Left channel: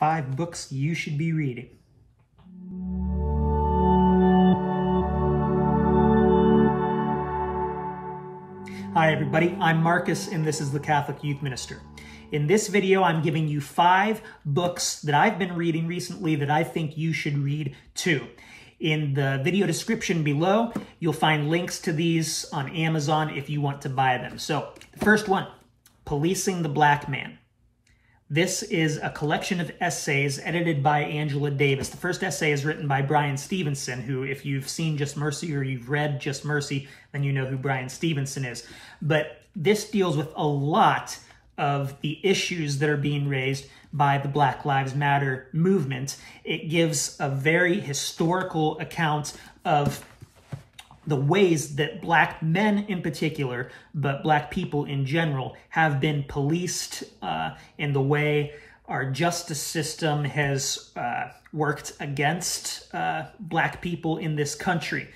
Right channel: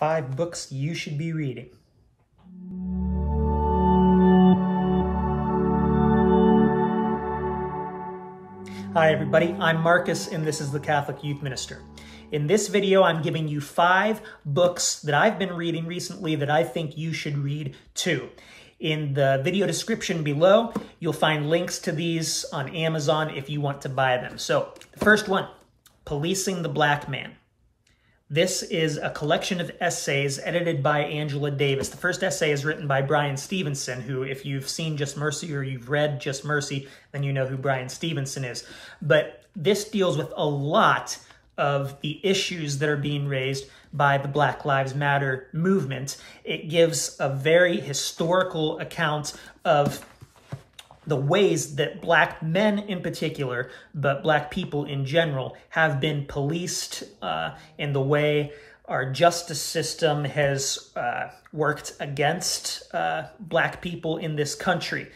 5 books you should be reading. Hi everybody, I'm Marcus and this is the Catholic Youth Minister. In this video, I'm giving you 5 books that I've been reading recently that I think you should read too. In the video description below, you'll find links to these on Amazon if you want to buy them. So, the first one, Policing the Black Man. This is a collection of essays edited by Angela Davis. The first essay is written by Bryan Stevenson, who, if you've seen Just Mercy or you've read Just Mercy, then you know who Bryan Stevenson is. But this deals with a lot of the issues that are being raised by the Black Lives Matter movement. It gives a very historical account of the ways that Black men in particular, but Black people in general, have been policed, in the way our justice system has worked against Black people in this country.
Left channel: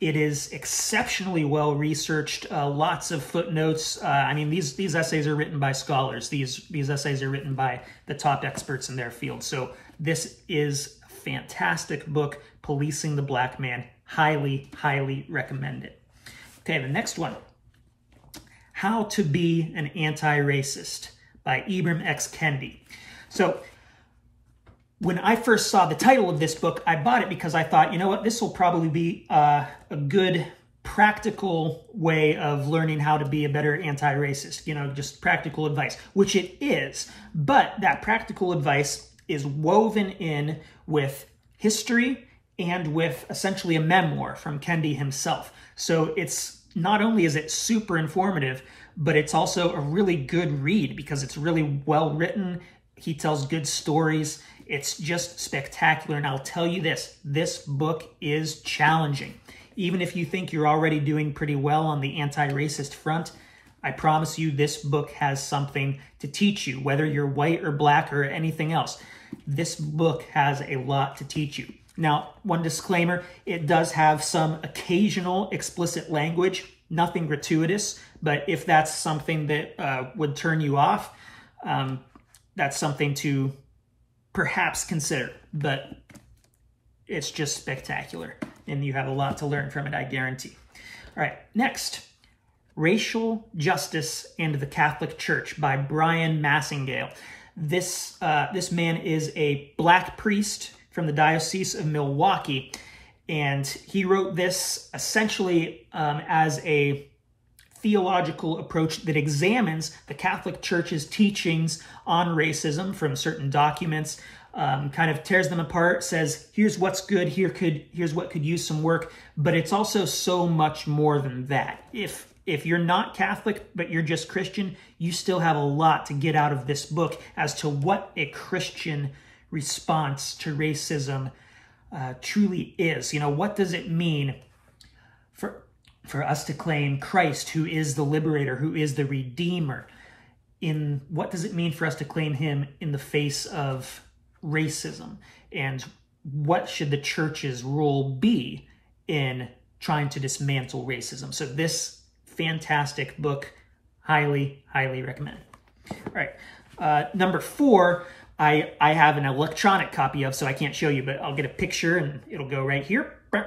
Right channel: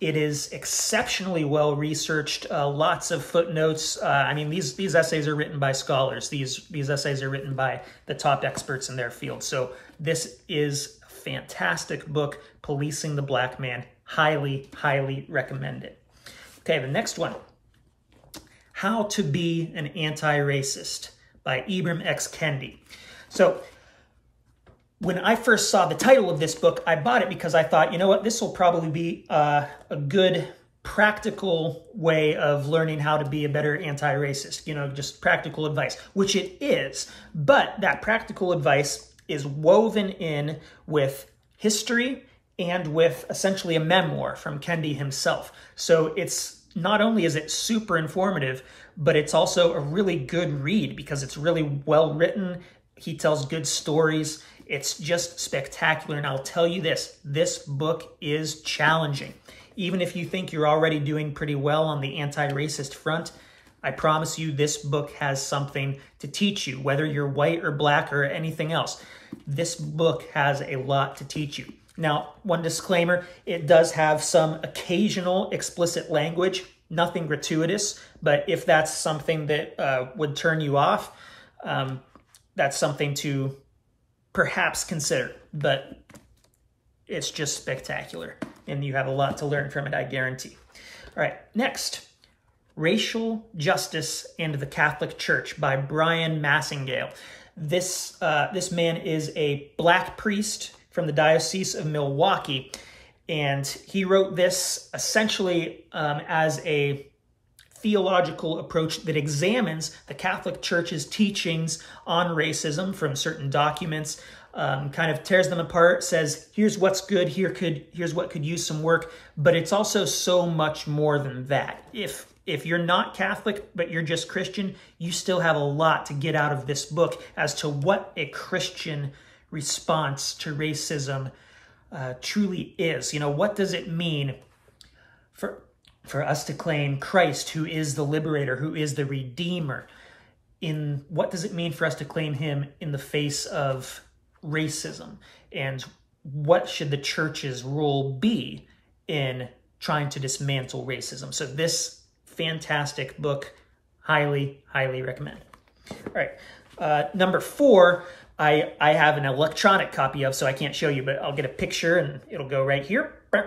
It is exceptionally well researched, lots of footnotes. I mean, these essays are written by scholars. These essays are written by the top experts in their field. So this is a fantastic book, Policing the Black Man. Highly, highly recommend it. Okay, the next one, How to Be an Anti-Racist by Ibram X. Kendi. So when I first saw the title of this book, I bought it because I thought, you know what, this will probably be a good practical way of learning how to be a better anti-racist, you know, just practical advice, which it is. But that practical advice is woven in with history and with essentially a memoir from Kendi himself. So it's not only is it super informative, but it's also a really good read because it's really well written. He tells good stories. It's just spectacular. And I'll tell you this book is challenging. Even if you think you're already doing pretty well on the anti-racist front, I promise you this book has something to teach you, whether you're white or Black or anything else. This book has a lot to teach you. Now, one disclaimer, it does have some occasional explicit language, nothing gratuitous, but if that's something that would turn you off, that's something to perhaps consider, but it's just spectacular, and you have a lot to learn from it, I guarantee. All right, next, Racial Justice and the Catholic Church by Brian Massingale. This man is a Black priest from the Diocese of Milwaukee, and he wrote this essentially as a theological approach that examines the Catholic Church's teachings on racism from certain documents, kind of tears them apart, says, here's what's good, here's what could use some work, but it's also so much more than that. If you're not Catholic, but you're just Christian, you still have a lot to get out of this book as to what a Christian response to racism truly is. You know, what does it mean for us to claim Christ, who is the liberator, who is the redeemer? What does it mean for us to claim him in the face of racism? And what should the church's role be in trying to dismantle racism? So this fantastic book, highly, highly recommend. All right, number 4, I have an electronic copy of, so I can't show you, but I'll get a picture and it'll go right here. All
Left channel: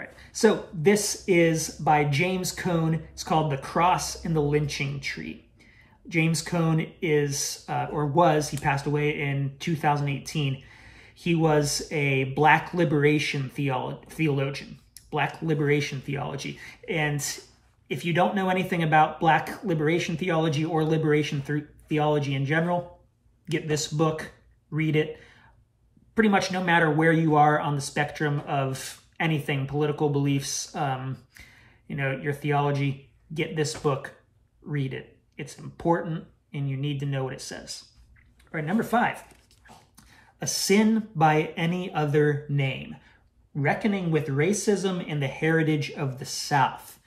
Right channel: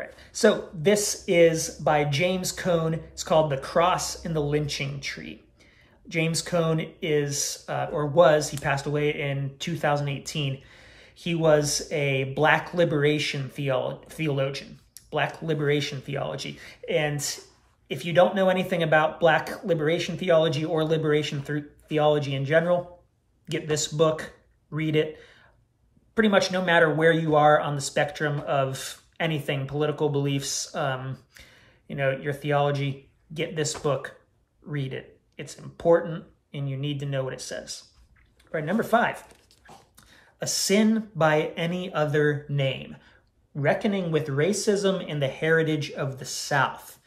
right, so this is by James Cone. It's called The Cross and the Lynching Tree. James Cone is, he passed away in 2018. He was a Black liberation theologian, Black liberation theology. And if you don't know anything about Black liberation theology or liberation theology in general, get this book, read it. Pretty much no matter where you are on the spectrum of anything, political beliefs, you know, your theology, get this book, read it. It's important and you need to know what it says. All right, number 5, A Sin by Any Other Name, Reckoning with Racism and the Heritage of the South.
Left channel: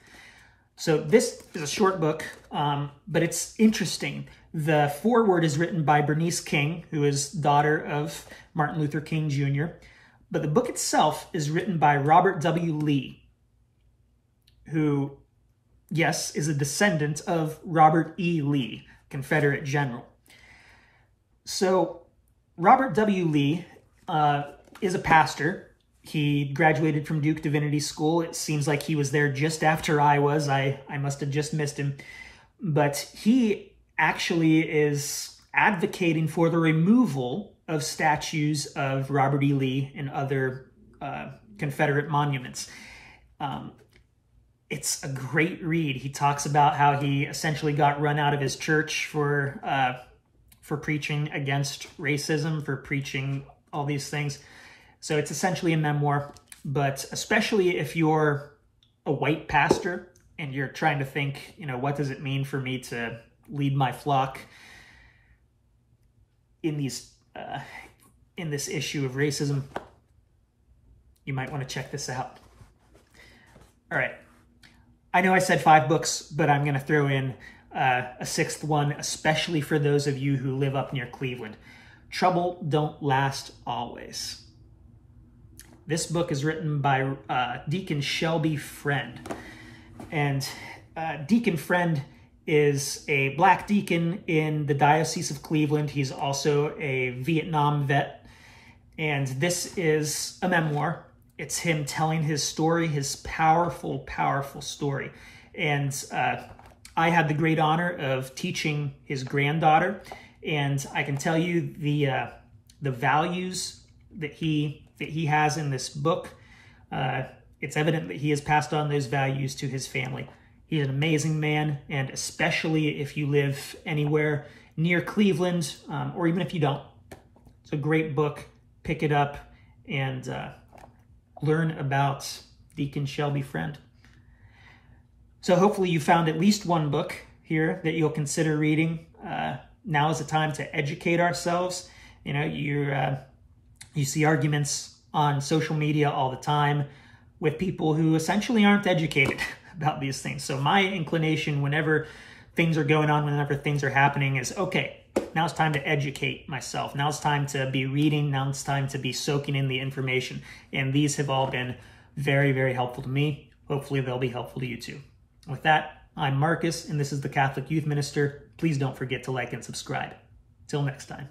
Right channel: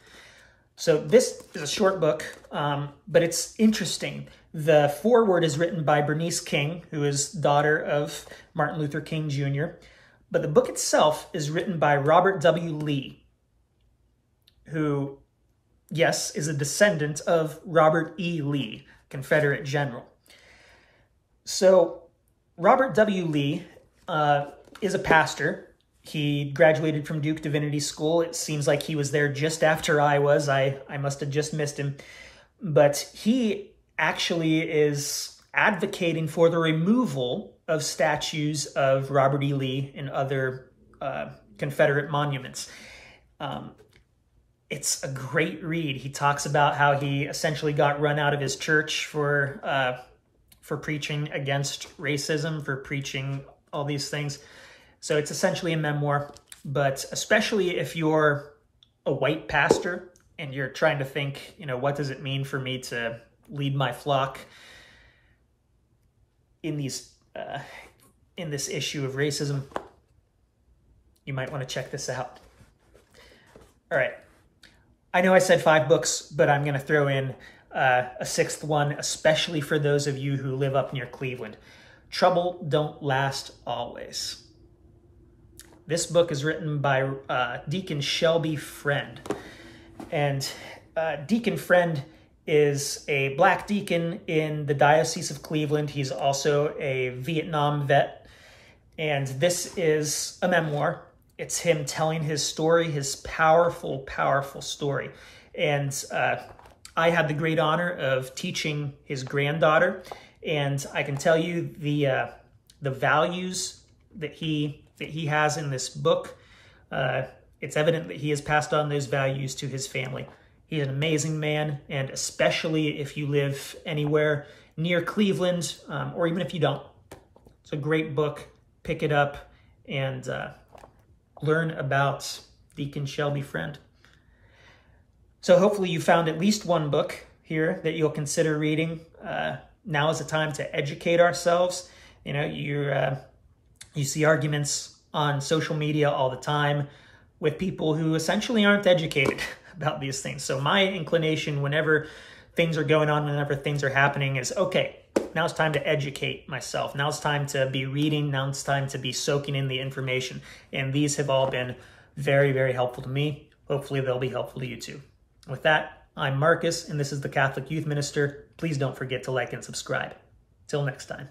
So this is a short book, but it's interesting. The foreword is written by Bernice King, who is daughter of Martin Luther King Jr., but the book itself is written by Robert W. Lee, who, yes, is a descendant of Robert E. Lee, Confederate general. So Robert W. Lee is a pastor. He graduated from Duke Divinity School. It seems like he was there just after I was. I must have just missed him. But he actually is advocating for the removal of statues of Robert E. Lee and other Confederate monuments. It's a great read. He talks about how he essentially got run out of his church for preaching against racism, for preaching all these things. So it's essentially a memoir, but especially if you're a white pastor and you're trying to think, what does it mean for me to lead my flock in this issue of racism, you might want to check this out. All right. I know I said 5 books, but I'm going to throw in a 6th one, especially for those of you who live up near Cleveland. Trouble Don't Last Always. This book is written by Deacon Shelby Friend. And Deacon Friend is a black deacon in the Diocese of Cleveland. He's also a Vietnam vet. And this is a memoir. It's him telling his story, his powerful, powerful story. And I had the great honor of teaching his granddaughter. And I can tell you the values that he has in this book, it's evident that he has passed on those values to his family. He's an amazing man, and especially if you live anywhere near Cleveland, or even if you don't. It's a great book. Pick it up and learn about Deacon Shelby Friend. So hopefully you found at least one book here that you'll consider reading. Now is the time to educate ourselves. You see arguments on social media all the time with people who essentially aren't educated about these things. So my inclination whenever things are going on, whenever things are happening is, okay, now it's time to educate myself. Now it's time to be reading. Now it's time to be soaking in the information. And these have all been very, very helpful to me. Hopefully they'll be helpful to you too. With that, I'm Marcus, and this is the Catholic Youth Minister. Please don't forget to like and subscribe. Till next time.